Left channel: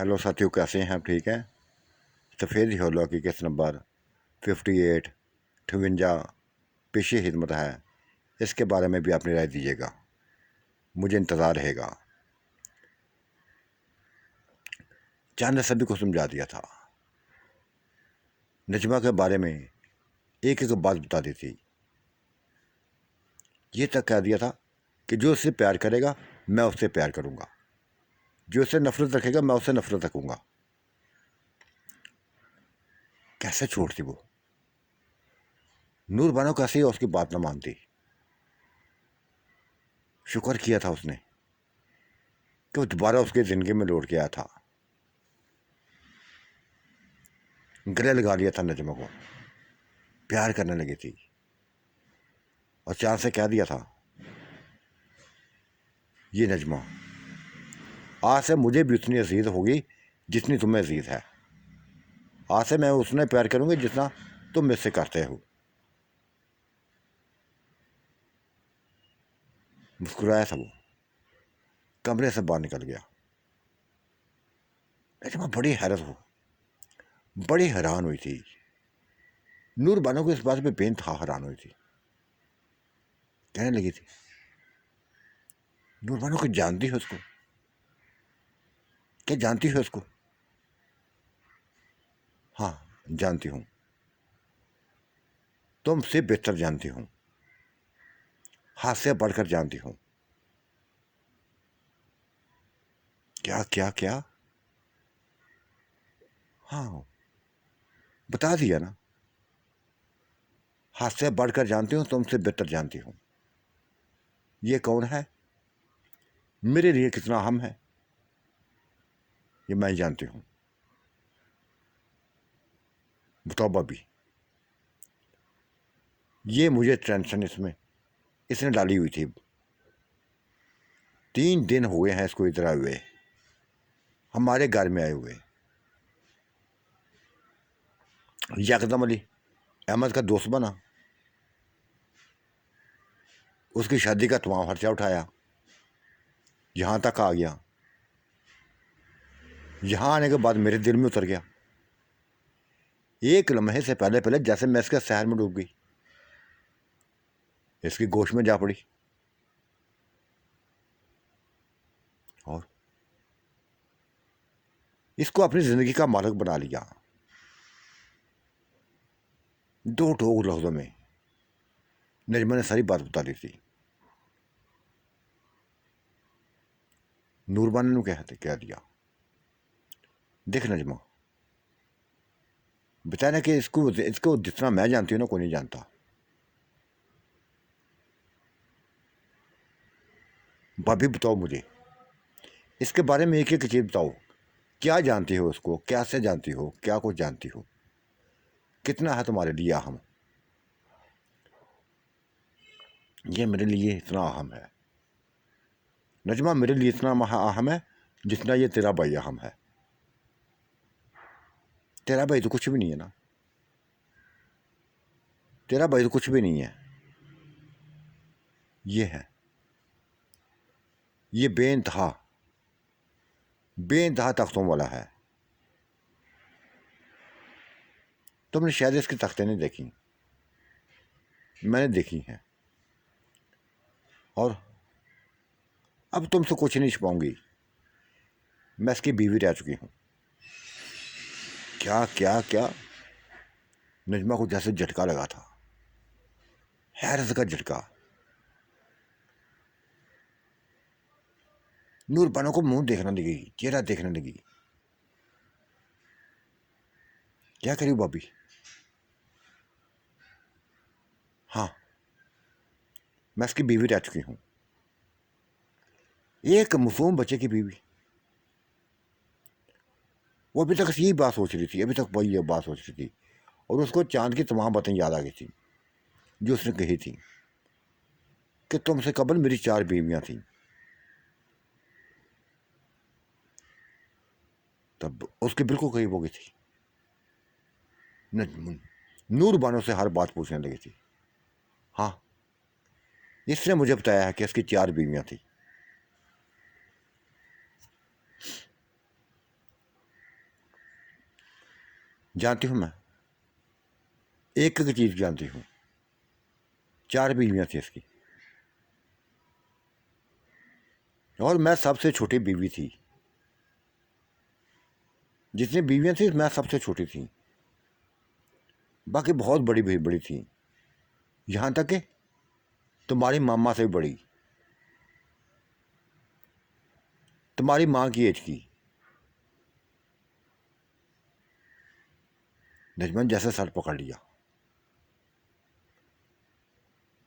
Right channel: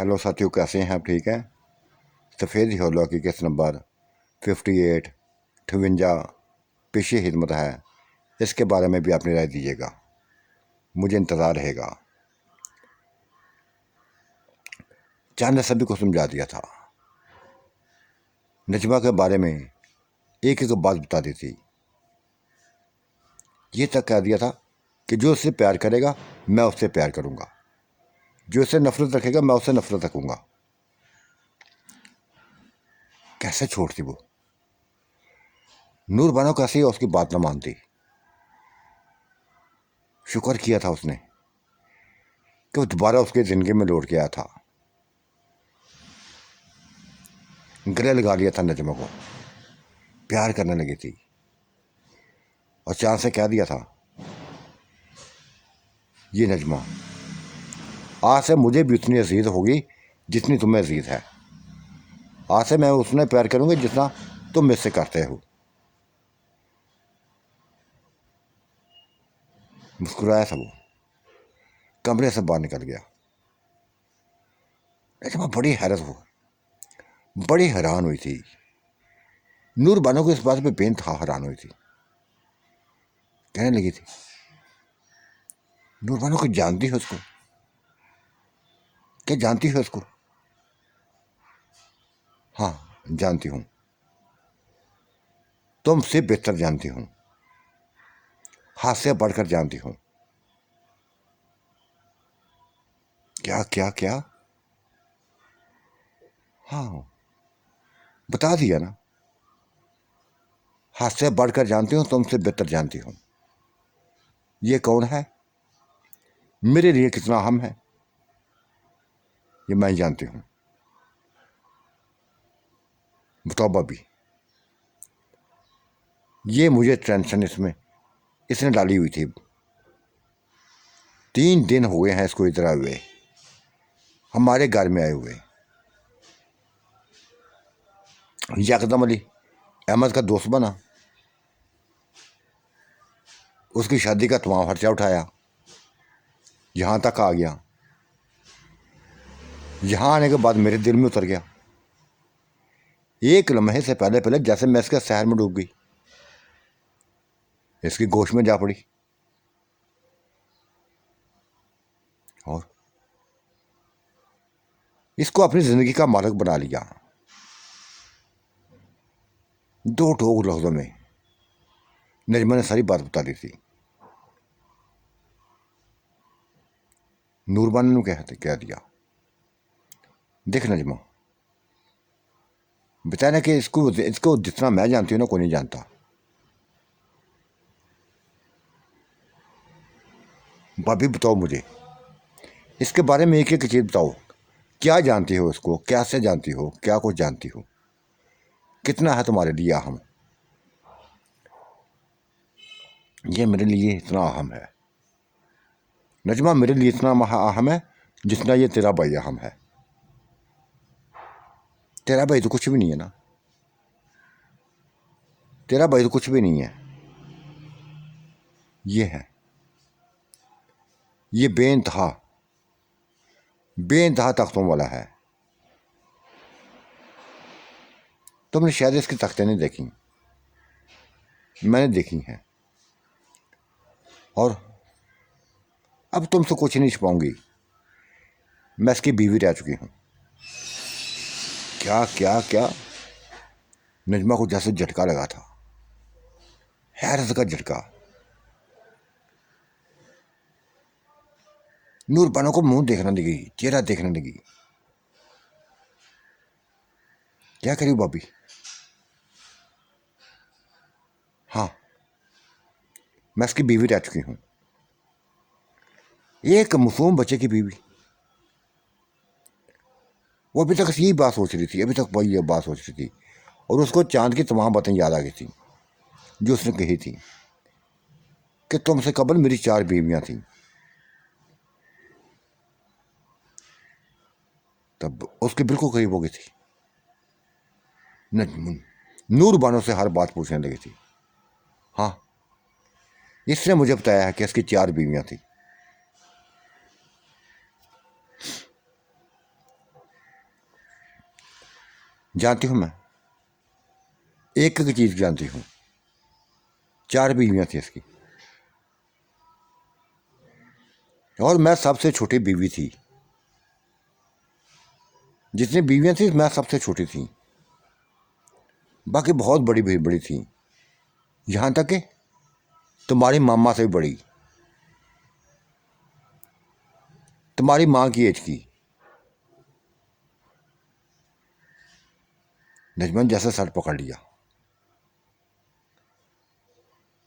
Hello साथियों, कैसे हैं आप? ठीक है। सफ़ेद हौला की किस्त नंबर 58 58 पेशी खिदमत है। इसके बारे में भी अपनी राय दीजिएगा, मुझे इंतज़ार रहेगा। चांद ने सभी को समझा दिया था। नजमा के बारे में एक एक बात बता दी थी। ये तक कह दिया था कि जो उससे प्यार करेगा मैं उससे प्यार करूँगा, जो उससे नफरत रखेगा मैं उससे नफरत रखूँगा। कैसे छोड़ती वो? नूर बानो कैसे उसकी बात ना मानती। शुक्र किया था उसने कि वो दोबारा उसकी ज़िंदगी में लौट के आया था। गले लगा लिया था नजमा को, प्यार करने लगी थी और चांद से कह दिया था, ये नजमा आज से मुझे भी उतनी अजीज होगी जितनी तुम्हें अजीज है। आज से मैं उसने प्यार करूंगी जितना तुम मुझसे करते हो। मुस्कुराया था वो, कमरे से बाहर निकल गया। नजमा बड़ी हैरत हो, बड़ी हैरान हुई थी। नूर बानो को इस बात पे बेइंतहा हैरान हुई थी। कहने लगी थी, नूर बानो को जानती हो उसको? क्या जानती हो उसको? हाँ, जानती हूँ। तुमसे बेहतर जानती हूँ, हाथ से बढ़कर जानती हूँ। क्या क्या क्या? हाँ, बता दिया ना। हाथ से बढ़कर जानती हूँ, तुमसे बेहतर जानती हूँ। ये कौन है, मेरे लिए कितना अहम है, ये मैं जानती हूँ। बताओ भाभी, ये मुझे टेंशन इसने डाली हुई थी। 3 दिन हुए हैं इसको इधर आए हुए, हमारे घर में आए हुए। यकदम अली अहमद का दोस्त बना, उसकी शादी का तमाम खर्चा उठाया, यहाँ तक आ गया। यहाँ आने के बाद मेरे दिल में उतर गया। एक लम्हे से पहले पहले जैसे मैं इसके शहर में डूब गई, इसकी गोश में जा पड़ी। और इसको अपनी जिंदगी का मालिक बना लिया। दो ठोक लफ्जों में नजमा ने सारी बात बता दी थी। नूरबान ने कह दिया, देख नजमा, बताया कि इसको इसको जितना मैं जानती हूँ ना, कोई नहीं जानता। भाभी बताओ मुझे इसके बारे में एक एक चीज़ बताओ। क्या जानती हो उसको, कैसे जानती हो, क्या कुछ जानती हो, कितना है तुम्हारे लिए अहम? ये मेरे लिए इतना अहम है नजमा, मेरे लिए इतना अहम है जितना ये तेरा भाई अहम है। तेरा भाई तो कुछ भी नहीं है ना, तेरा भाई तो कुछ भी नहीं है। ये है, ये बेइंतहा बेइंतहा तख्तों वाला है। तुमने शायद इसकी तख्तें नहीं देखी, मैंने देखी हैं। और अब तुमसे कुछ नहीं छुपाऊंगी, मैं इसकी बीवी रह चुकी हूँ। क्या क्या क्या? नजमा को जैसे झटका लगा था, हैरत का झटका। नूर बानो को मुंह देखने लगी, चेहरा देखने लगी। क्या करी भाभी? हाँ, मैं इसकी बीवी रह चुकी हूँ। एक मासूम बच्चे की बीवी। वो अभी तक यही बात सोच रही थी, अभी तक वही ये बात सोच रही थी। और उसको चांद की तमाम बातें याद आ गई थी जो उसने कही थी कि तुमसे कबल मेरी 4 बीवियां थीं। तब उसके बिल्कुल करीब हो गई थी। नूर बानो से हर बात पूछने लगी थी। हाँ, इसने मुझे बताया है कि इसकी 4 बीवियां थी। जानती हूँ मैं, एक एक चीज़ जानती हूँ। 4 बीवियाँ थी इसकी, और मैं सबसे छोटी बीवी थी। जितनी बीवियाँ थी मैं सबसे छोटी थी, बाकी बहुत बड़ी बड़ी थी, यहाँ तक कि तुम्हारी मामा से भी बड़ी, तुम्हारी माँ की एज की। नजमन जैसे सर पकड़ लिया,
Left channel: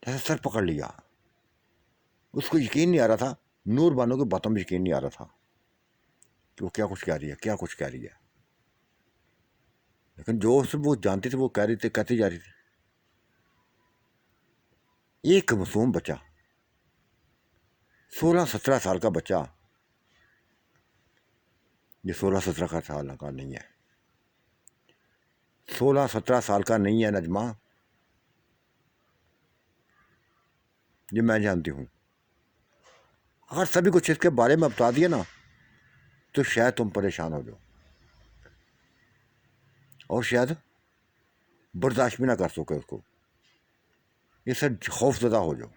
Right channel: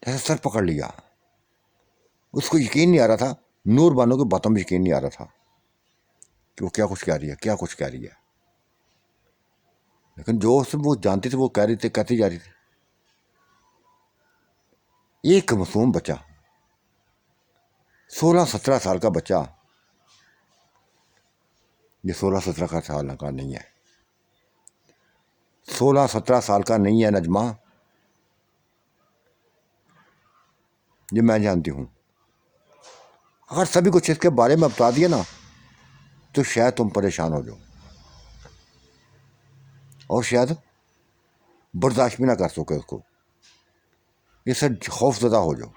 जैसे सर पकड़ लिया। उसको यकीन नहीं आ रहा था, नूर बानो की बातों में यकीन नहीं आ रहा था कि वो क्या कुछ कह रही है, क्या कुछ कह रही है। लेकिन जो वो जानती थी वो कह रही थी, कहती जा रही थी। एक मासूम बच्चा, 16-17 साल का बच्चा, ये 16-17 का साल का नहीं है, 16-17 साल का नहीं है नजमा, ये मैं जानती हूँ। अगर सभी कुछ इसके बारे में बता दिया ना तो शायद तुम परेशान हो जाओ, और शायद बर्दाश्त भी ना कर सके उसको, इससे खौफजदा हो जाओ।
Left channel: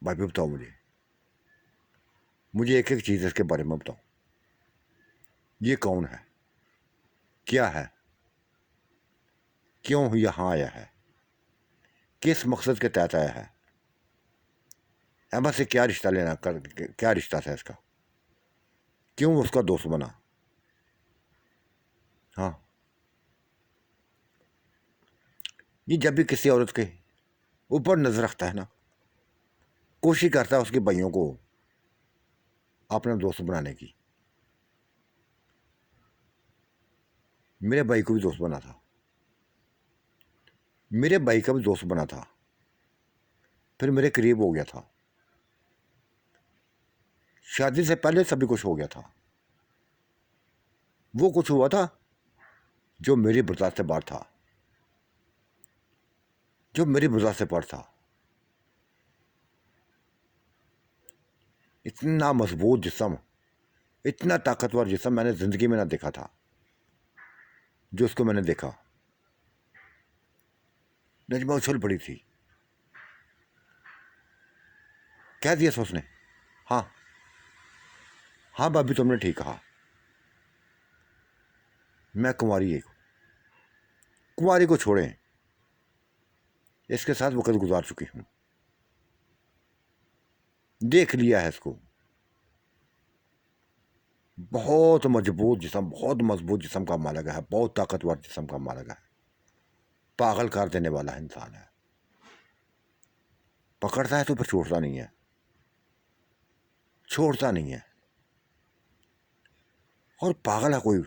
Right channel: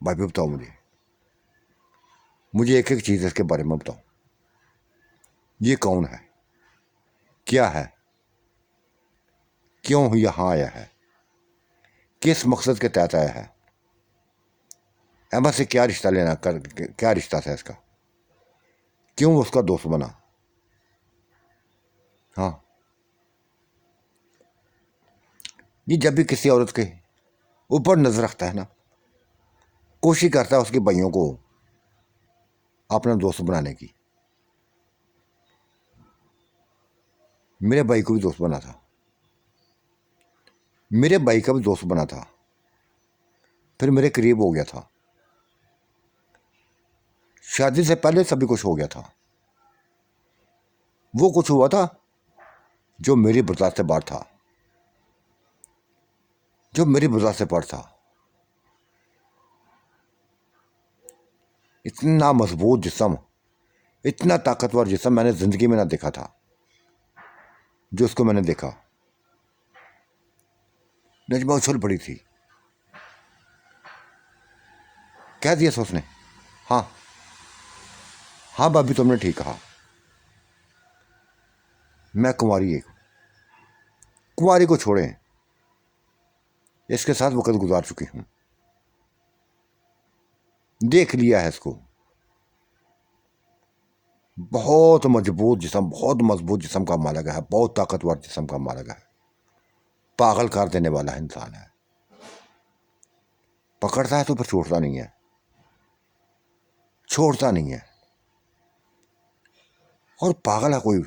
भाई भी बताओ मुझे एक एक चीज़ इसके बारे में बताओ। ये कौन है, क्या है, क्यों यहाँ आया है, किस मकसद के तहत आया है, अहमद से क्या रिश्ता लेना कर, क्या रिश्ता था इसका, क्यों उसका दोस्त बना। हाँ, ये जब भी किसी औरत के ऊपर नजर रखता है ना, कोशिश करता है उसके भाइयों को अपना दोस्त बनाने की। मेरे भाई को भी दोस्त बना था, मेरे भाई का भी दोस्त बना था, फिर मेरे करीब हो गया था। शादी से पहले सभी कुछ हो गया था। वो कुछ हुआ था जो मेरी बर्दाश्त से बाहर था, जो मेरी बर्दाश्त से बाहर था। इतना मजबूत जिस्म, इतना ताकतवर जिस्म मैंने जिंदगी में ना देखा था। जो उसको मैंने देखा, नजमा उछल पड़ी थी। कह दिया उसने, हाँ हाँ भाभी तुमने ठीक कहा, मैं कुंवारी को छोड़ें, इसके साथ वक्त गुजार चुकी हूं, देख लिया है इसको। बहुत मजबूत जिस्म, बहुत मजबूत जिस्म का मालिक है, बहुत ताकतवर जिस्म का मालिक है, पागल कर देने वाला इंसान है। पकड़ता है तो फिर छोड़ता नहीं है, छोड़ता नहीं है। और पागल है कोई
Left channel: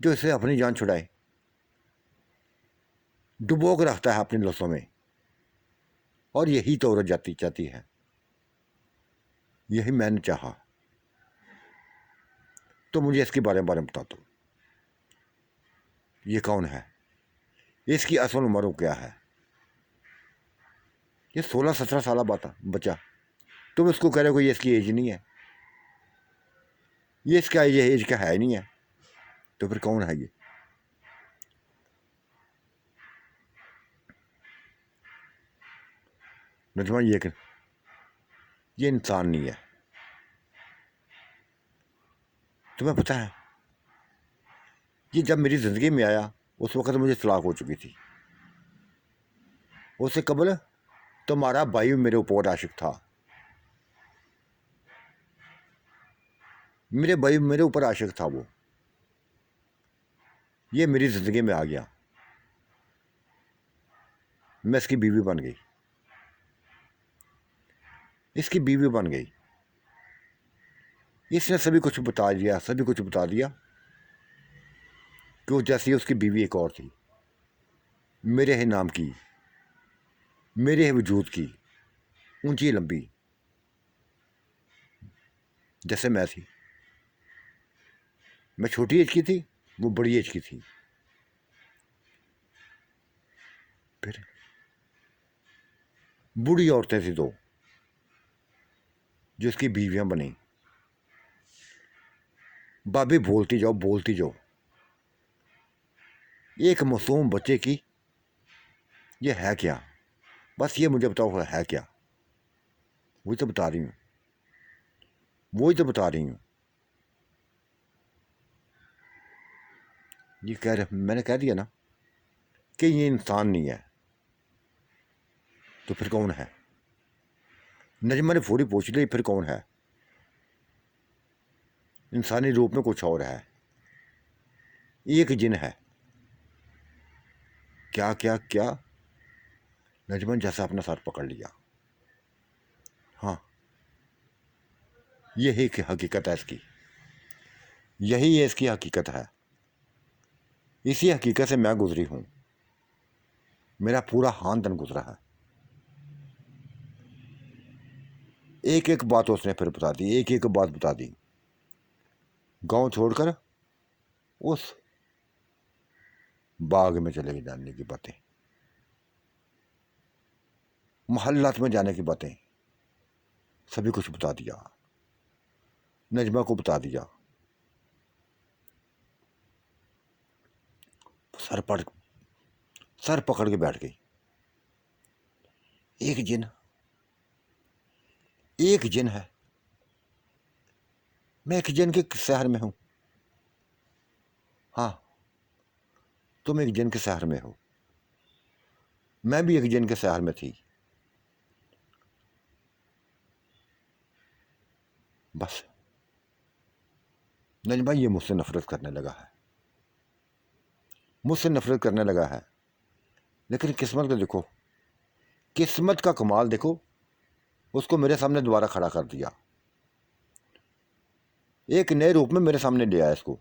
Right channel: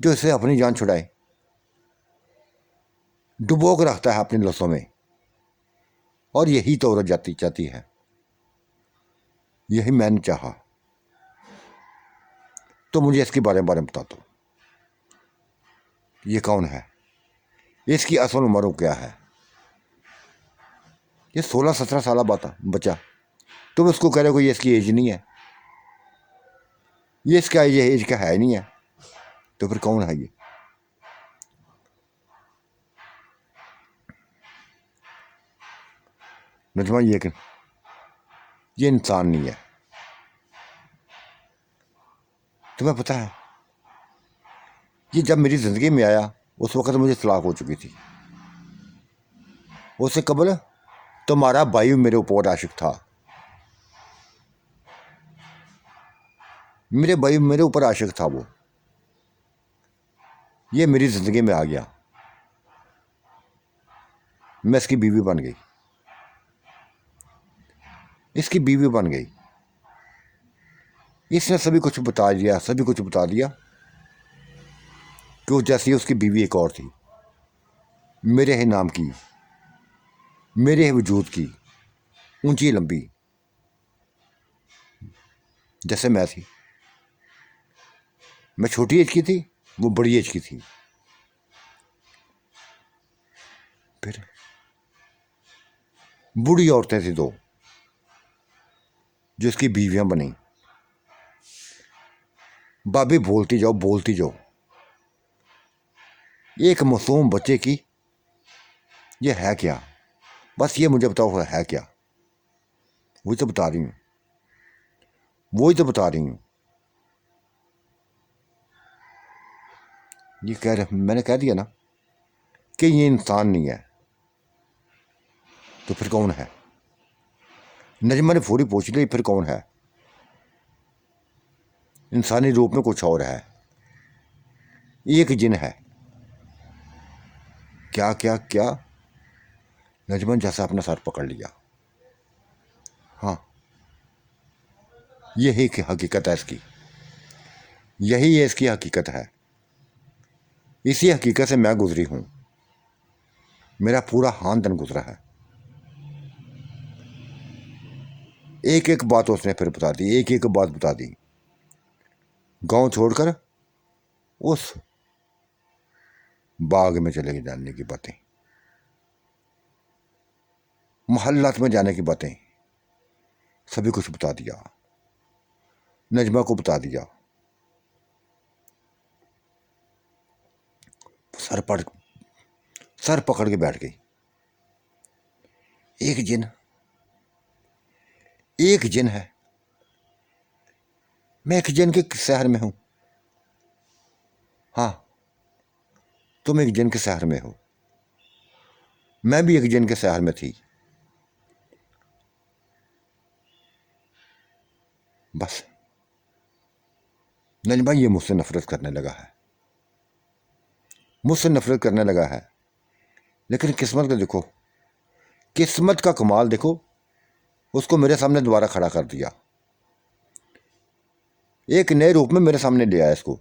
जो इसे अपनी जान छुड़ाए, डुबो के रखता है अपनी लफ्ज़ों में, और यही तो औरत जाती चाहती है, यही मैंने चाहा। तो मुझे इसके बारे में बता दो, ये कौन है, इसकी असल उम्र क्या है। ये 16-17 साल बच्चा, तुम इसको कह रहे हो ये इसकी एज नहीं है, ये इसका एज का है नहीं है, तो फिर कौन है ये। नजमा ये इंसान नहीं है। तुम्हें पता है, ये जब मेरी ज़िंदगी में आया उस वक्त मुझे तलाक हो चुकी थी। उससे कबल तुम्हारा भाई मेरे ऊपर आशिक था, मेरे भाई मेरे ऊपर आशिक था। वो ये मेरी ज़िंदगी में आ गया, मैं इसकी बीवी बन गई, इसकी बीवी बन गई। इसने सभी कुछ बता दिया, सभी कुछ बता दिया कि वो जैसी उसकी बीवी एक और थी, मेरे ही नाम की, मेरे ही वजूद की, ऊंची लंबी, जैसे मैं थी। मैं छोटी एज की थी, वो बड़ी एज की थी। फिर बूढ़ी औरतें थी दो, जिसकी बीवियां बनी। भाभी बोलती जाओ बोलती जाओ। एक मासूम बच्चे की ये है क्या? बस ये मुझे बताओ है क्या? वही तो बता रही हूँ, वही तो बता रही हूँ। ये कह रहे, मैंने कह दिया ना कि ये इंसान नहीं है, तो फिर कौन है? नजमा ने फौरी पूछ ली, फिर कौन है? इंसानी रूप में कुछ और है, एक जिन है। क्या क्या क्या? नजमा ने जैसा अपना सर पकड़ लिया। हाँ, यही की हकीकत है इसकी, यही ये इसकी हकीकत है। इसी हकीकत से मैं गुजरी हूं, मेरा पूरा खानदान गुजरा है। एक एक बात उसने फिर बता दी, एक एक बात बता दी। गांव छोड़कर उस बाग में चले जाने की बातें, मोहल्लात में जाने की बातें, सभी कुछ बता दिया, नजमा को बता दिया। सर पकड़ के बैठ गई। एक जिन, एक जिन है। मैं एक जिन के शहर में हूं। हाँ, तुम एक जिन के शहर में हो, मैं भी एक जिन के शहर में थी। बस नजमा ये मुझसे नफरत करने लगा है, मुझसे नफरत करने लगा है। लेकिन किस्मत को देखो, किस्मत का कमाल देखो, उसको मेरे सामने दोबारा खड़ा कर दिया, एक नए रूप में मेरे सामने ले आया। इसको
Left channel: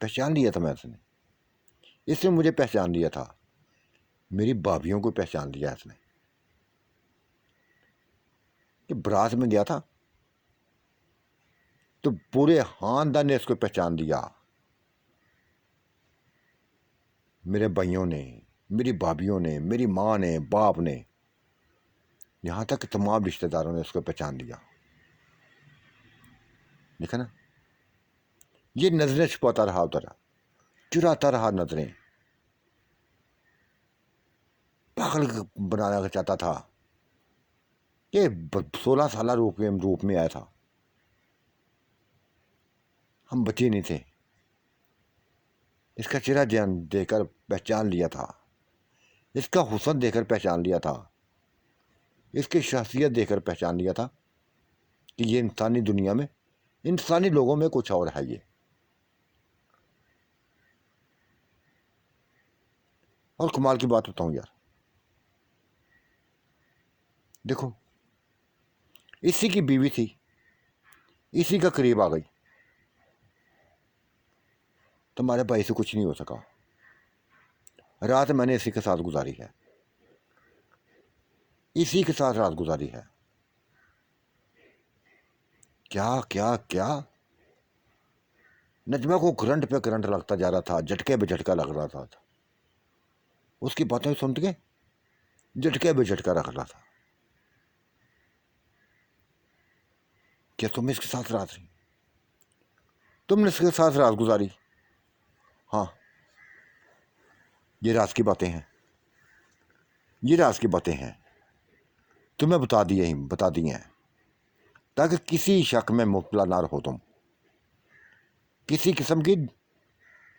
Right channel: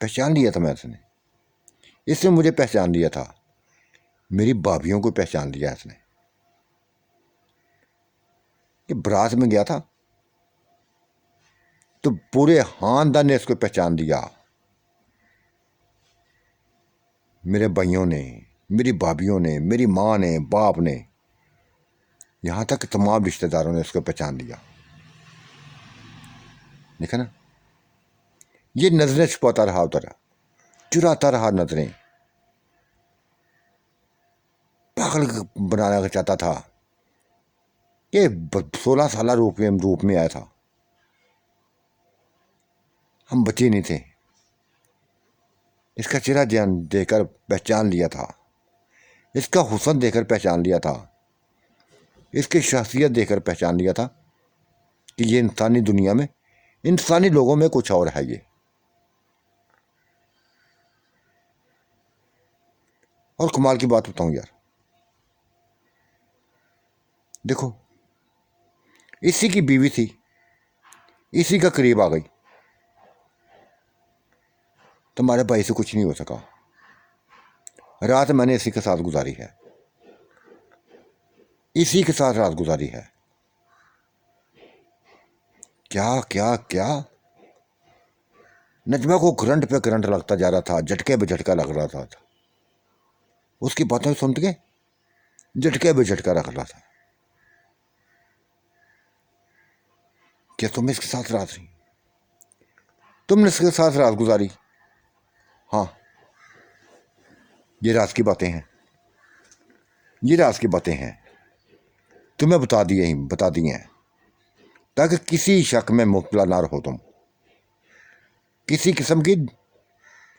पहचान लिया था मैं, इसने मुझे पहचान लिया था, मेरी भाभीियों को पहचान लिया इसने। कि बारात में गया था तो पूरे खानदान ने इसको पहचान लिया, मेरे भाइयों ने, मेरी भाभीियों ने, मेरी माँ ने, बाप ने, यहां तक तमाम रिश्तेदारों ने इसको पहचान लिया। देखा ना, ये नजरें छुपाता रहा, उधर चुराता रहा नजरें, पागल बनाना चाहता था। ये 16 साल रूप में आया था, हम बच्चे नहीं थे। इसका चेहरा जान देखकर पहचान लिया था, इसका हुस्न देखकर पहचान लिया था, इसकी शख्सियत देखकर पहचान लिया था कि ये इंसानी दुनिया में, इंसानी लोगों में कुछ और है ये। और कमाल की बात बताऊं यार, देखो इसी की बीवी थी, इसी का करीब आ गई, तुम्हारे भाई से कुछ नहीं हो सका। रात मैंने इसी के साथ गुजारी है, इसी के साथ रात गुजारी है। क्या क्या क्या? नजमा को करंट पे करंट लगता जा रहा था, झटके पे झटका लग रहा था। उसकी बातें सुन के झटके पे झटका लग रहा था। क्या तुम इसके साथ रात रही? तुमने इसके साथ रात गुजारी? हाँ, ये राज की बातें हैं, ये राज की बातें हैं, तुम्हें बता दी हैं, ताकि किसी शक में मुब्तला ना रहो, तुम किसी किस्म की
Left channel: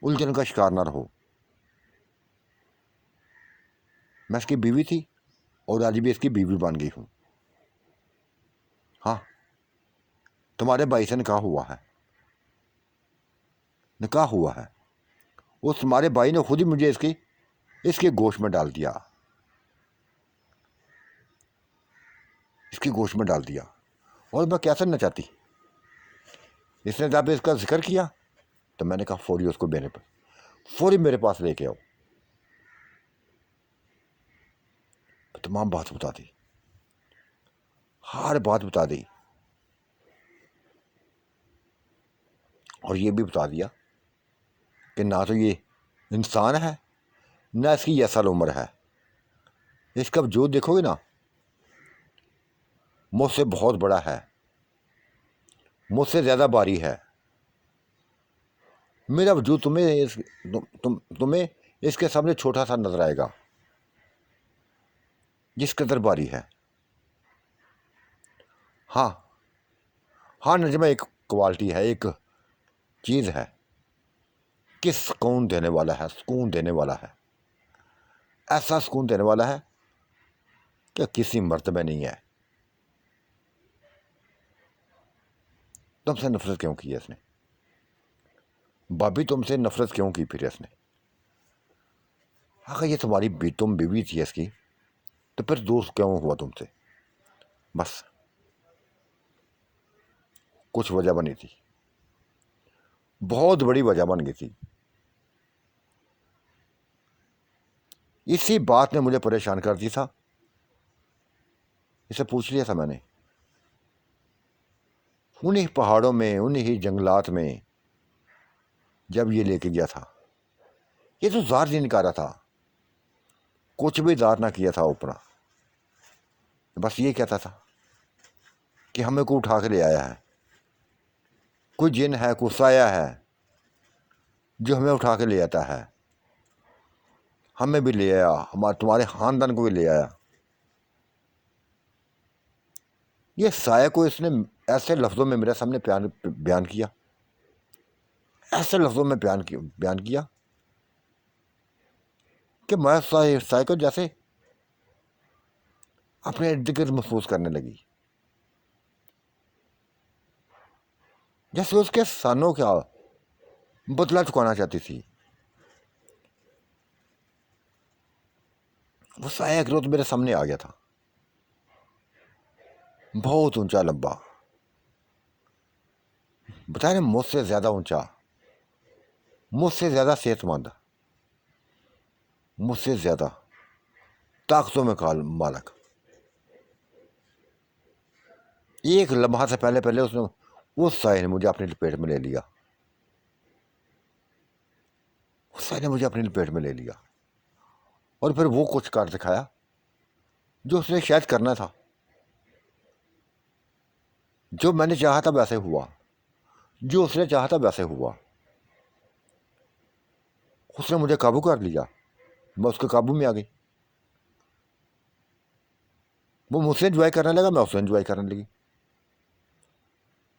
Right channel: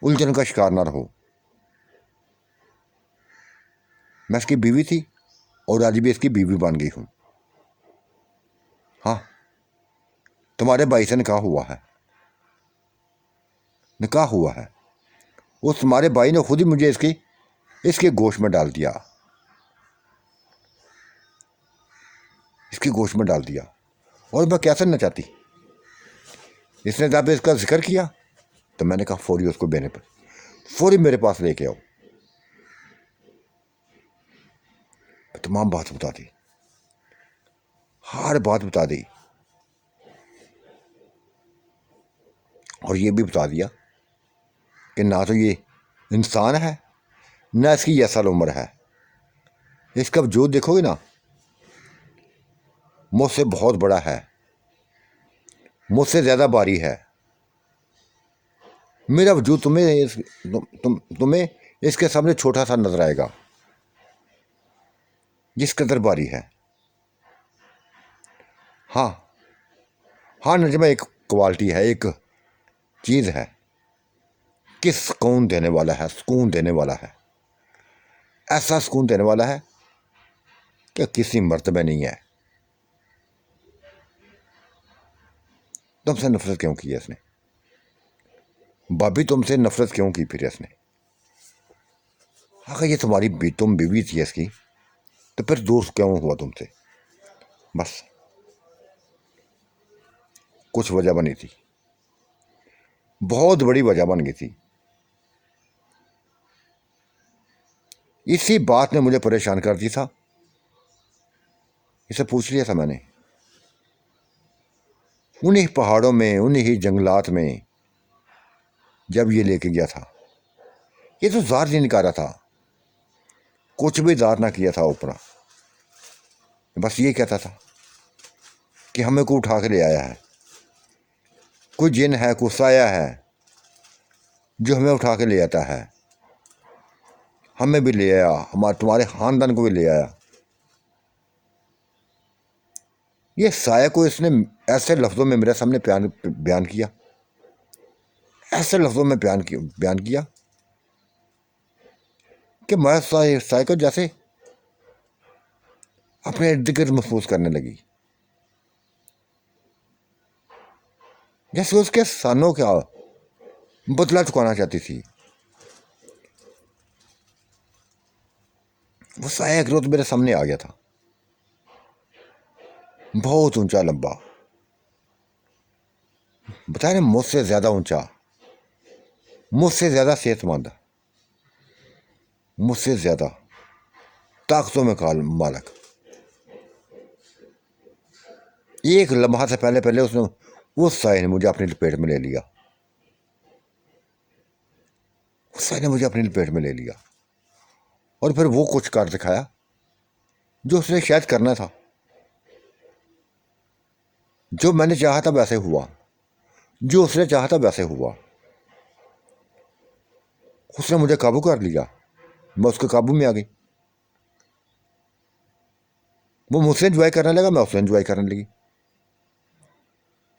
उलझन का शिकार ना रहो। मैं इसकी बीवी थी और आज भी इसकी बीवी बन गई हूं। हाँ, तुम्हारे भाई से निकाह हुआ है, निकाह हुआ है। उस तुम्हारे भाई ने खुद ही मुझे इसके गोश्त में डाल दिया, इसकी गोश्त में डाल दिया। और मैं क्या सुनना चाहती, इसने जब इसका जिक्र किया तो मैंने कहा फौरी उसको देने पर, फौरी मेरे पास लेके आओ। तमाम बात बता दी, हर बात बता दी, और ये भी बता दिया कि ना तो ये इंसान है, ना इसकी ये असल उम्र है। इसका वजूद देखोगे ना, मुझसे बहुत बड़ा है, मुझसे ज़्यादा भारी है। मेरा वजूद तुम्हें इसके सामने छोटा सा नजर आएगा, जिस कदर भारी है। हाँ हाँ नजमा, एक क्वालिटी है, एक चीज़ है कि सुकून देने वाला है, सुकून देने वाला है, ऐसा सुकून देने वाला है कि किसी मर्द में नहीं है। तुमसे नफरत क्यों की है इसने? भाभी तुमसे नफरत क्यों की फिर इसने? अगर ये तुम बीवी थी इसकी, तो फिर दोस्त क्यों हुआ तुमसे? बस कुछ वजह बनी थी, बहुत बड़ी वजह बन गई थी। इसी बात ने मुझे परेशान कर दिया था। इसे पूछ लिया था मैंने, उन्हीं पहाड़ों में, उन्हीं जंगलात में जब ये लेके गया था। ये तो जार नहीं निकाला था, कुछ भी जार ना किया था ऊपर। बस ये कहता था कि हमें को उठा के ले आया है, कोई जिन है, कोई साया है जो हमें उठा के ले आता है। हमें भी ले आया, हमारे तुम्हारे खानदान को भी ले आया। ये साया को इसने ऐसे लफ्ज़ों में मेरे सामने बयान किया, ऐसे लफ्ज़ों में बयान किया कि मैं साया को जैसे अपने इर्द गिर्द महसूस करने लगी, जैसे उसके सानों का बदला चुकाना चाहती थी। वो साया एक रोज मेरे सामने आ गया था, बहुत ऊंचा लंबा, बता रहे मुझसे ज्यादा ऊंचा, मुझसे ज्यादा सेहतमंद, मुझसे ज्यादा ताकतों में मालक। एक लम्हा से पहले पहले उसने, उस साय ने मुझे अपनी लपेट में ले लिया, उस साय ने मुझे अपनी लपेट में ले लिया। और फिर वो कुछ कर दिखाया जो उसने शायद करना था। जो मैंने चाहा था वैसे हुआ, जो उसने चाहा था वैसे हुआ। उसने मुझे काबू कर लिया, मैं उसके काबू में आ गई। वो मुझसे एंजॉय करने लगा, मैं उससे एंजॉय करने लगी।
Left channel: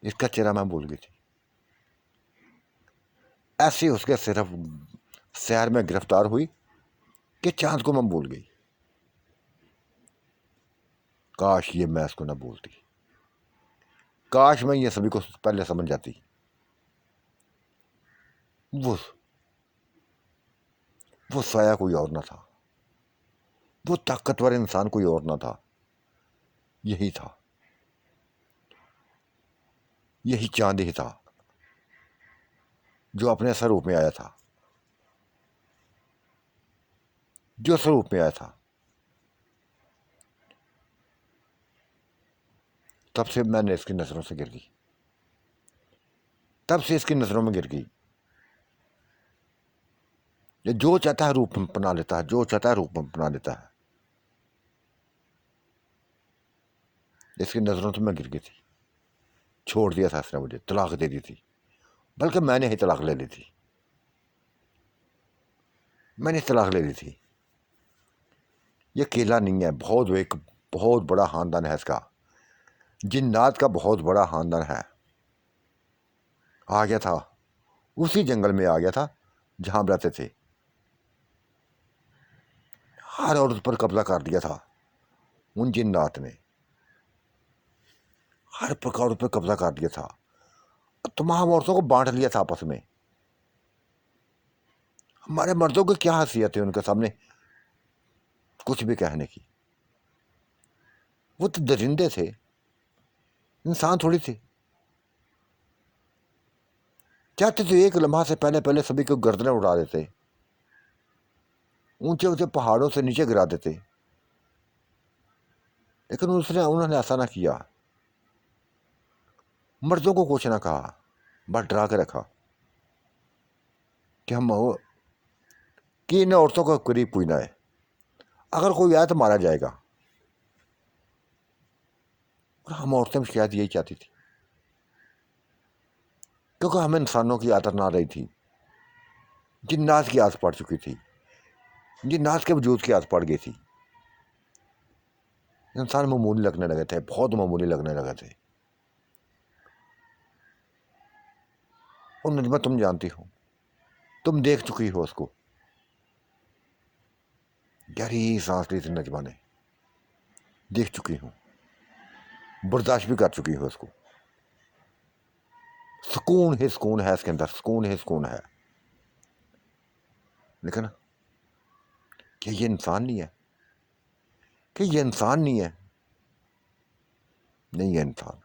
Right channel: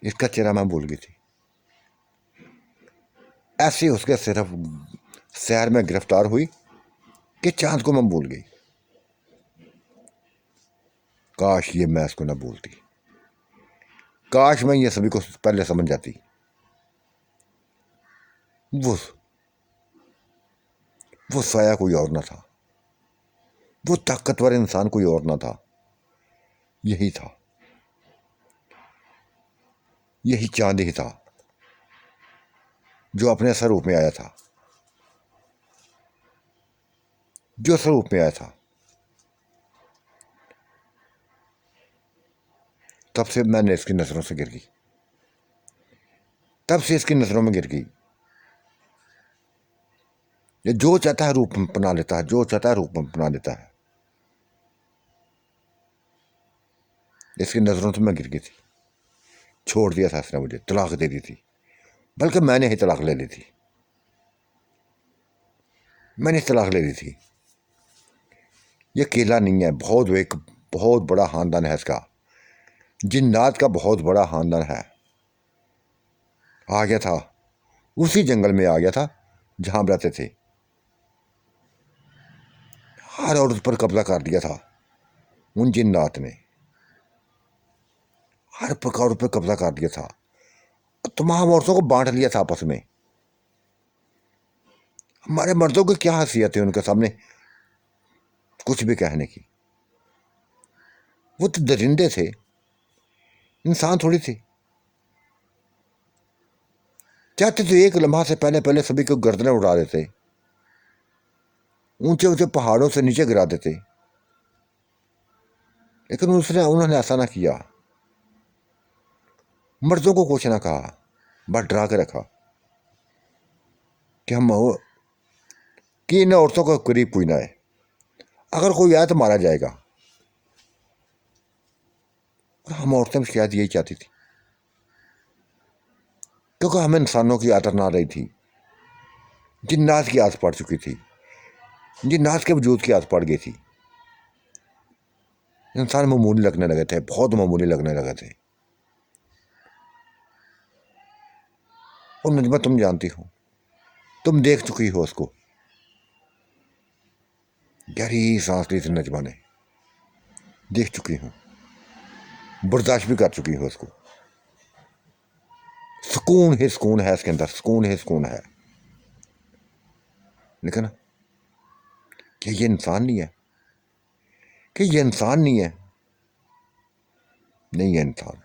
इसका चेहरा मैं भूल गई थी। ऐसे उसके सिर्फ शहर में गिरफ्तार हुई कि चांद को मैं भूल गई। काश ये मैं इसको ना भूलती, काश मैं ये सभी को पहले समझ जाती। वो वो साया कोई और ना था, वो ताकतवर इंसान कोई और ना था, यही था, यही चांद ही था जो अपने स्वरूप में आया था, जो स्वरूप में आया था। तब से मैंने इसकी नजरों से गिर गई, तब से इसकी नजरों में गिर गई। ये जो चाहता है रूप अपना लेता है, जो चाहता है रूप अपना लेता है। इसकी नजरों से मैं गिर गई थी। छोड़ दिया था इसने, मुझे तलाक दे दी थी, बल्कि मैंने ही तलाक ले ली थी, मैंने तलाक ले ली थी। ये अकेला नहीं है, बहुत बड़ा खानदान है इसका, जिन्नात का बहुत बड़ा खानदान है। आ गया था, उसी जंगल में आ गया था जहां हम रहते थे। हर औरत पर कब्जा कर दिया था उन जिन्नात ने, हर प्रकार पर कब्जा कर दिया था, तमाम औरतों को बांट लिया था आपस में। हमारे मर्दों की क्या हैसियत है उनके सामने कुछ भी कहने की? वो तो दरिंदे थे, इंसान थोड़ी थे। चाहते तो एक लम्हा से पहले पहले सभी को गर्दनें उड़ा देते, ऊंचे ऊंचे पहाड़ों से नीचे गिरा देते, लेकिन उन्होंने ऐसा ना किया। मर्दों को कुछ ना कहा, बस डरा के रखा कि कि इन औरतों को करीब कोई ना है, अगर कोई आया तो मारा जाएगा। और हम औरतें शायद यही चाहती थी, क्योंकि हमें इंसानों की आदत ना रही थी, जिन्नात की आदत पड़ चुकी थी, जिन्नात के वजूद की आदत पड़ गई थी। इंसान मामूली लगने लगे थे, बहुत मामूली लगने लगे थे। और नजमा तुम जानती हो, तुम देख चुकी हो उसको, गहरी सांस ली थी नजमा ने, देख चुकी हूँ, बर्दाश्त भी कर चुकी हूँ उसको। सुकून ही सुकून है इसके अंदर, सुकून ही सुकून है। लेकिन क्या ये इंसान नहीं है? कि ये इंसान नहीं है? नहीं है इंसान।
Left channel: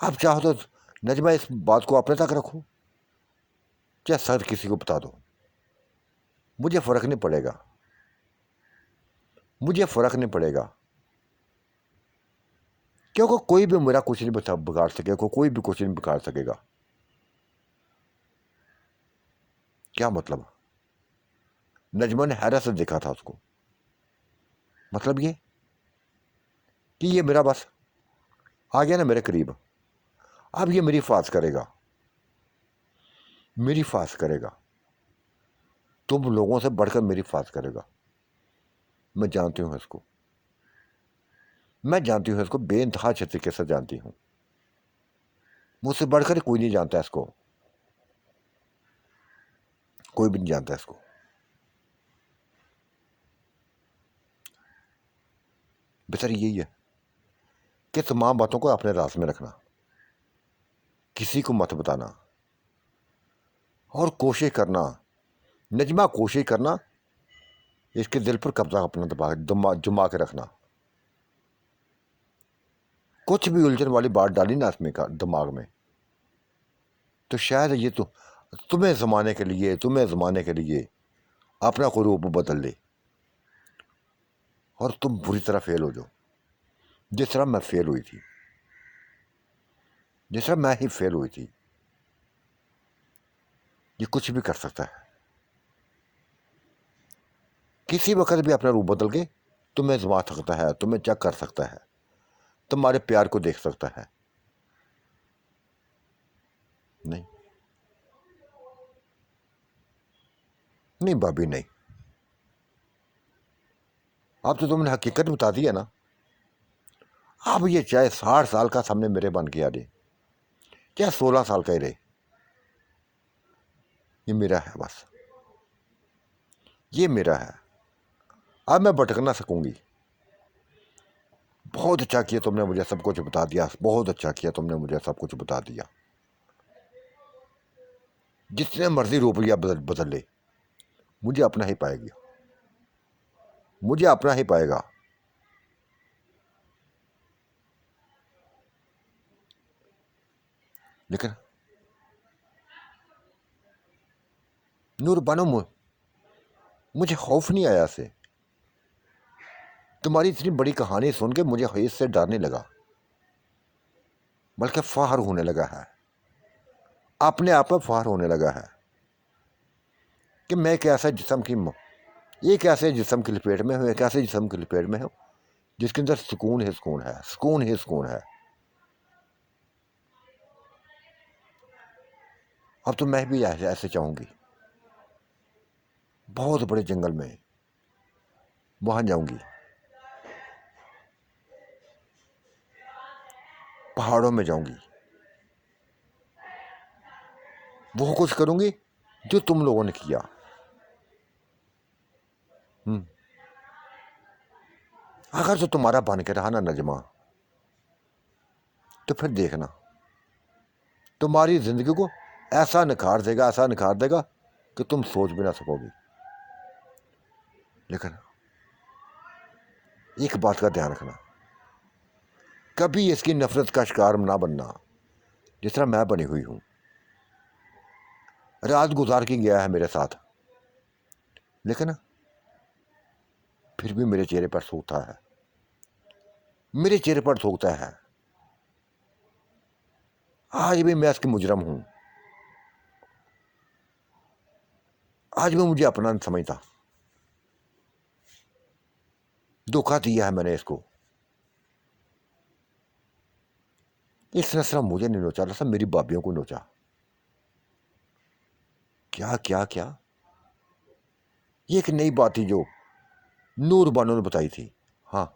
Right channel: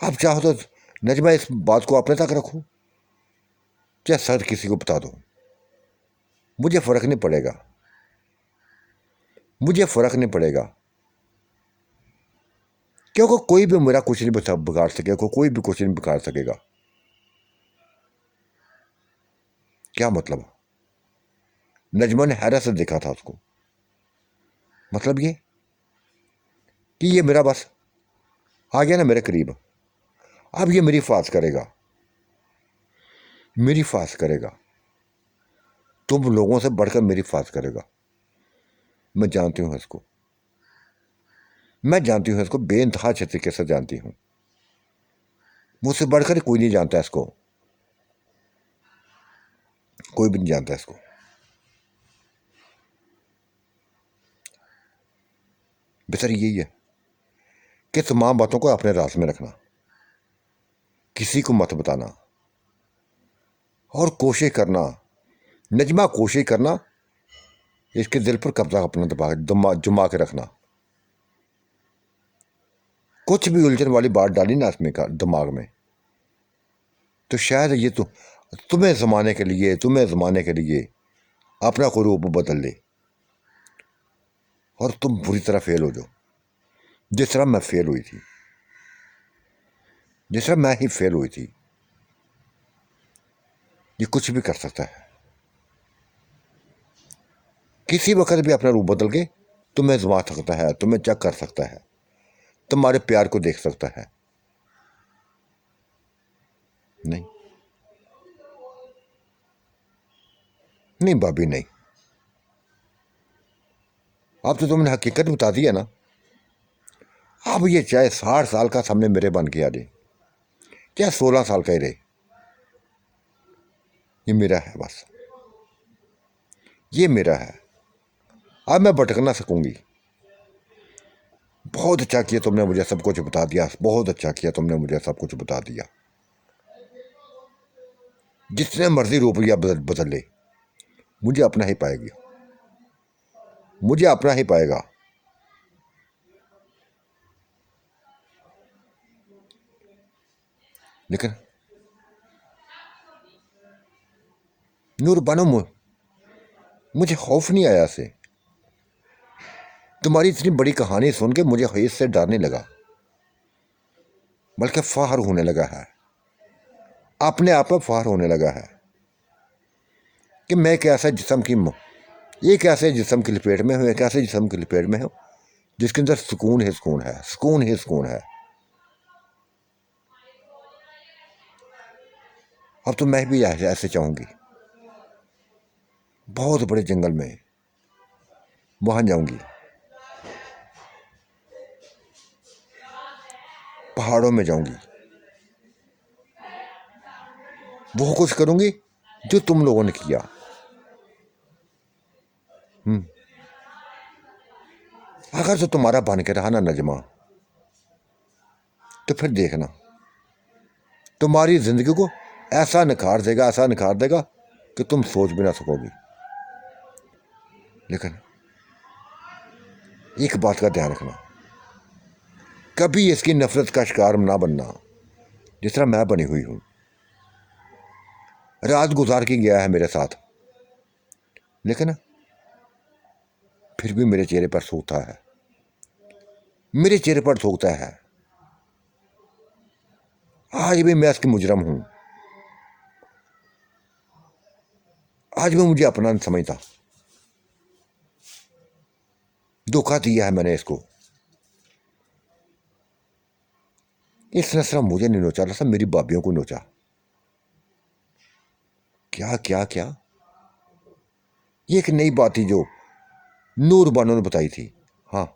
आप चाहो तो नजमा इस बात को अपने तक रखो, चाहे सर किसी को बता दो, मुझे फर्क नहीं पड़ेगा, मुझे फर्क नहीं पड़ेगा। क्योंकि कोई भी मेरा कुछ नहीं बिगाड़ सकेगा, कोई भी कुछ नहीं बिगाड़ सकेगा। क्या मतलब? नजमा ने हैरत से देखा था उसको। मतलब ये कि ये मेरा बस आ गया ना मेरे करीब, अब ये मेरी हिफाजत करेगा, मेरी हिफाजत करेगा, तुम लोगों से बढ़कर मेरी हिफाजत करेगा। मैं जानती हूँ इसको, मैं जानती हूँ इसको, बेइंतहा अच्छे तरीके से जानती हूँ। मुझसे बढ़कर कोई नहीं जानता इसको, कोई भी नहीं जानता इसको। बेहतर यही है कि तमाम बातों को अपने राज में रखना, किसी को मत बताना, और कोशिश करना, नजमा कोशिश करना, इसके दिल पर कब्जा अपना जमा के रखना। कुछ भी उलझन वाली बात डाली ना इसमें का दिमाग में, तो शायद ये तो तुम्हें जमाने के लिए अपना कोई रूप बदल ले, और तुम बुरी तरह फेल हो जाओ, जिस तरह मैं फेल हुई थी, जिस तरह मैं ही फेल हुई थी। ये कुछ भी कर सकता है, किसी वक्त भी अपना रूप बदल के तुम्हें जमा सकता है, तुम्हें चेक कर सकता है, तुम्हारे प्यार को देख सकता है। नहीं नहीं भाभी नहीं, अब तो तुमने हकीकत बता दी है ना। अब ये चाहे 60 साल का सामने मेरे बन के आ जाए, चाहे 16 साल का ही रहे, ये मेरा है बस, ये मेरा है। अब मैं भटक ना सकूंगी। बहुत अच्छा किया तुमने मुझे सब कुछ बता दिया, बहुत अच्छा किया तुमने मुझे सब कुछ बता दिया। जितने मर्जी रुपया बदल ले, मुझे अपना ही पाएगी, मुझे अपना ही पाएगा। लेकिन नूर बानो, मुझे खौफ नहीं आया से, तुम्हारी इतनी बड़ी कहानी सुन के मुझे हैस से डरने लगा, बल्कि फाहर होने लगा है, अपने आप में फाहर होने लगा है कि मैं एक ऐसा जिस्म की एक ऐसे जिस्म की लपेट में हूँ, एक ऐसे जिस्म की लपेट में हूँ जिसके अंदर सुकून ही सुकून है, सुकून ही सुकून है। अब तो मैं भी ऐसे चाहूंगी, बहुत बड़े जंगल में वहां जाऊंगी, पहाड़ों में जाऊंगी, वो कुछ करूंगी जो तुम लोगों ने किया। अगर तो तुम्हारा बन के रहा ना नजमा, तो फिर देखना तुम्हारी जिंदगी को ऐसा निखार देगा, ऐसा निखार देगा कि तुम सोच भी ना सकोगी। लेकिन एक बात का ध्यान रखना, कभी इसकी नफरत का शिकार ना बनना, जिस तरह मैं बनी हुई हूं। रात गुजार के गया है मेरे साथ, लेकिन फिर भी मेरे चेहरे पर सूखता है, मेरे चेहरे पर सूखता है। आज भी मैं इसकी मुजरम हूं, आज भी मुझे अपना नहीं समझता, धोखा दिया है मैंने इसको। इसने सिर्फ मुझे नहीं नोचा, सब मेरी भाभीियों को नोचा। क्या क्या क्या, ये एक नई बात थी जो नूर बानो ने बताई थी। हाँ,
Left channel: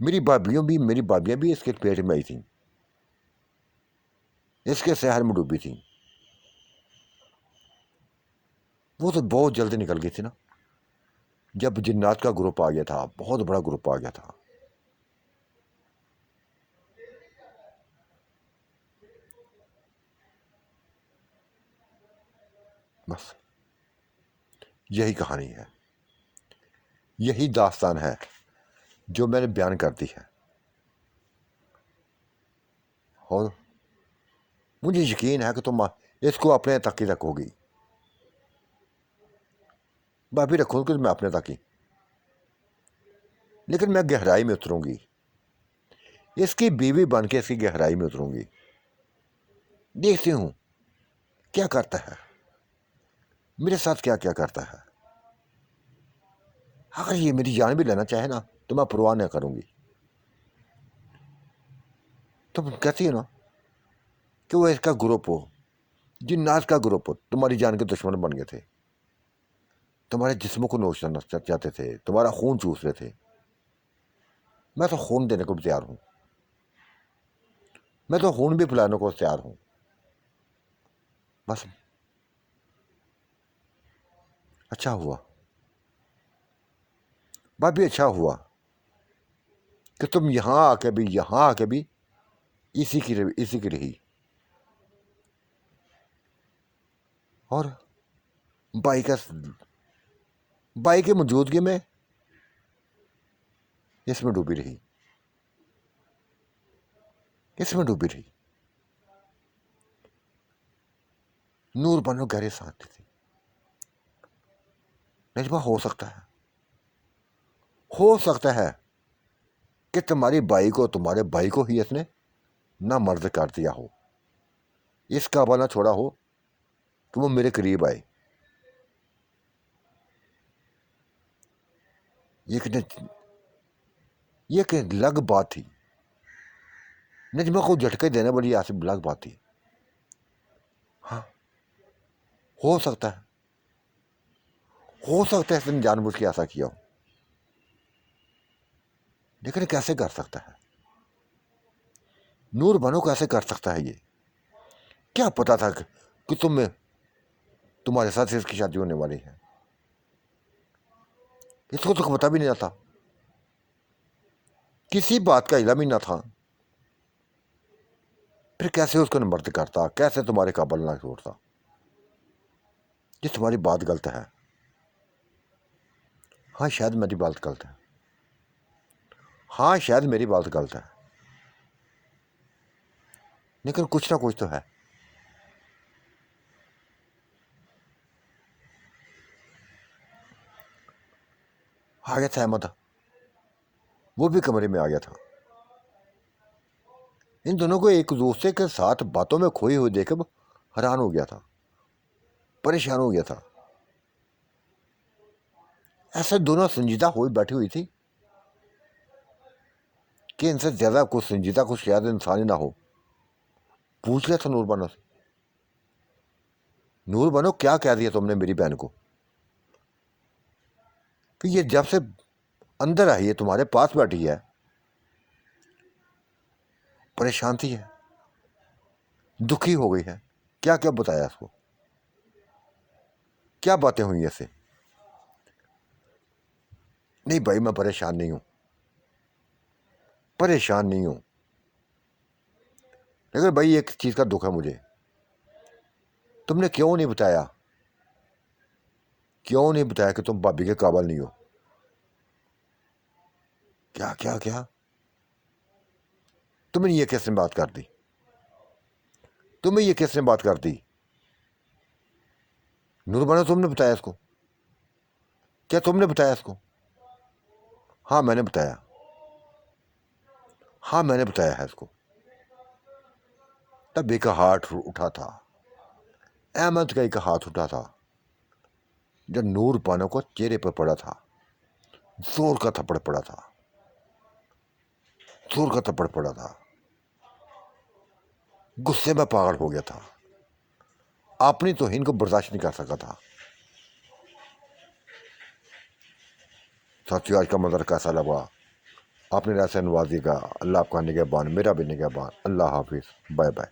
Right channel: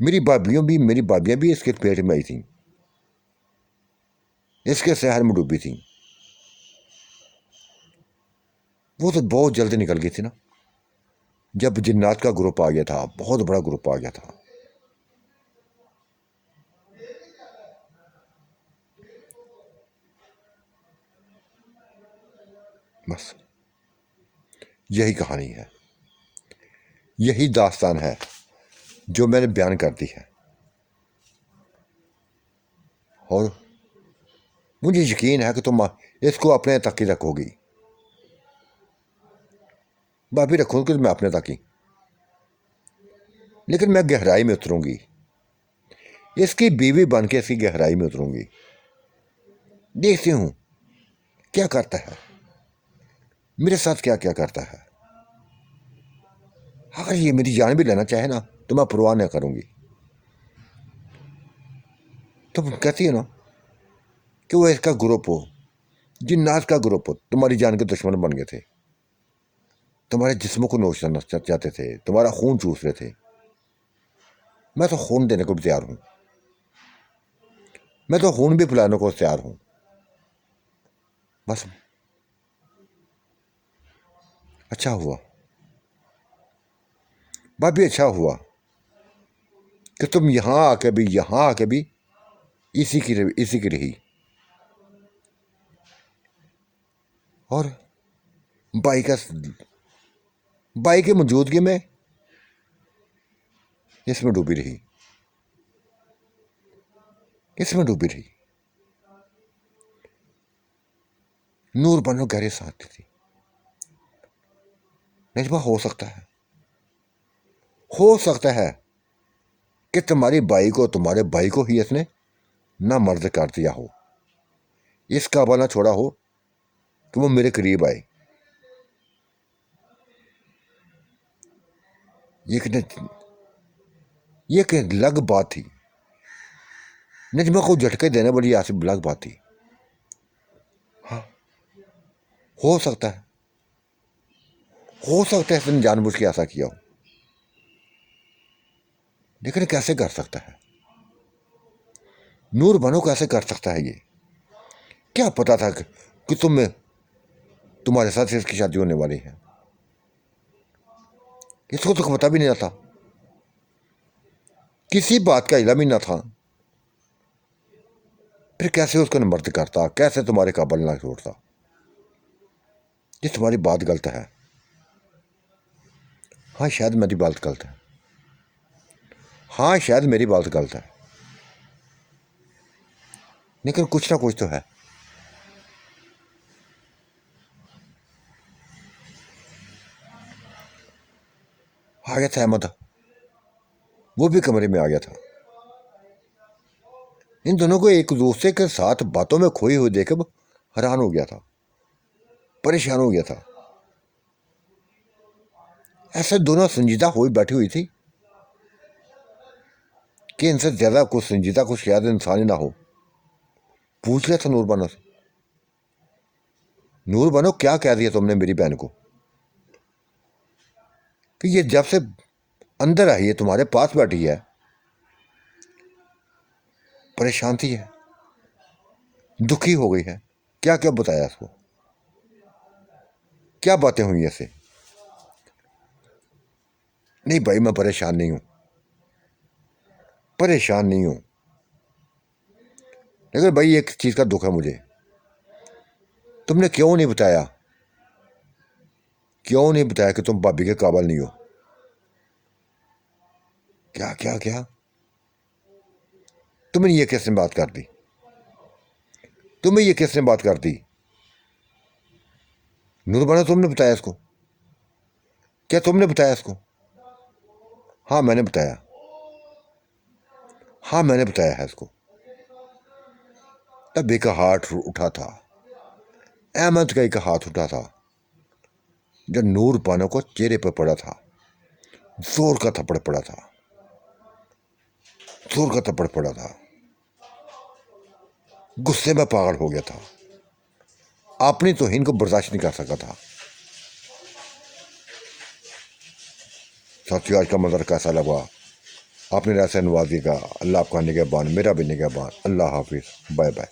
मेरी भाभियां भी इसके पेट में आई थी, इसके शहर में डूबी थी। वो तो बहुत जल्दी निकल गई थी ना, जब जिन्नात का ग्रुप आ गया था, बहुत बड़ा ग्रुप आ गया था। बस यही कहानी है, यही दास्तान है जो मैंने बयान कर दी है। और मुझे यकीन है कि तुम इसको अपने तक ही रखोगी। भाभी रखोगे मैं अपने तक ही, लेकिन मैं गहराई में उतरूंगी, इसकी बीवी बन के इसकी गहराई में उतरूंगी। देखती हूं क्या करता है, मेरे साथ क्या क्या करता है। अगर ये मेरी जान भी लेना चाहे ना तो मैं परवाह नहीं करूंगी। तुम कहती है ना कि वो इसका ग्रुप हो, जिन्नात का ग्रुप हो, तुम्हारी जान के दुश्मन बन गए थे, तुम्हारे जिस्म को नोचना चाहते थे, तुम्हारा खून चूस रहे थे। मैं तो खून देने को भी तैयार हूं, मैं तो खून भी पिलाने को तैयार हूं। बस अच्छा हुआ भाभी, अच्छा हुआ कि तुम यहां आके भी इसी की रही। और भाई का भाई की मौजूदगी में इसमें डूबी रही, इसमें डूबी रही। नूर बनो गहरे साथ थी। नजमा, हो सकता है कि तुम्हारे भाई को ही इसने ना मर्द कर दिया हो, इस काबल ना छोड़ा हो कि वो मेरे करीब आए। ये कि ये एक अलग बात थी, नजमा को झटके देने वाली ऐसी अलग बात थी। हाँ, हो सकता है, इसने जानबूझ के ऐसा किया हो, लेकिन कैसे कर सकता है नूर बनो, कैसे कर सकता है ये? क्या पता था कि तुम्हारे साथ इसकी शादी होने वाली है? इसको तो पता भी नहीं था, किसी बात का इल्म ही ना था। फिर कैसे उसको मर्द करता, कैसे तुम्हारे काबल ना छोड़ता? ये तुम्हारी बात गलत है। हाँ, शायद मेरी बात गलत है, हाँ शायद मेरी बात गलत है, लेकिन कुछ ना कुछ तो है। आ गया था अहमद, वो भी कमरे में आ गया था। इन दोनों को एक दूसरे के साथ बातों में खोई हुई देकर हैरान हो गया था, परेशान हो गया था। ऐसे दोनों संजीदा हुई बैठी हुई थी कि इनसे ज्यादा कुछ संजीदा कुछ शायद इंसान ही ना हो। पूछ लिया था नूरबानो से, नूरबानो क्या कह दिया तुमने मेरी बहन को कि ये जब से अंदर आई है तुम्हारे पास बैठी है, परेशान थी है, दुखी हो गई है? क्या क्या बताया इसको, क्या बातें हुई ऐसे? नहीं भाई, मैं परेशान नहीं हूं, परेशान नहीं हूं, लेकिन भाई एक चीज का दुख है मुझे। तुमने क्यों नहीं बताया कि तुम भाभी के काबिल नहीं हो? क्या क्या क्या, तुमने ये किसने बात कर दी? तुम्हें ये किसने बात कर दी? नूरबानो, तुमने बताया इसको? क्या तुमने बताया इसको? हाँ मैंने बताया, हाँ मैंने बताया है इसको। तब एक हाथ उठा था, अहमद का एक हाथ उठा था, जब नूर बानो को चेहरे पर पड़ा था, जोर का थप्पड़ पड़ा था, जोर का थप्पड़ पड़ा था। गुस्से में पागल हो गया था, अपनी तौहीन को बर्दाश्त नहीं कर सका था। साथियों, आज का मंजर कैसा लगा? अपनी राय से नवाजिएगा। अल्लाह आपका निगहबान, मेरा भी निगहबान। अल्लाह हाफिज़, बाय बाय।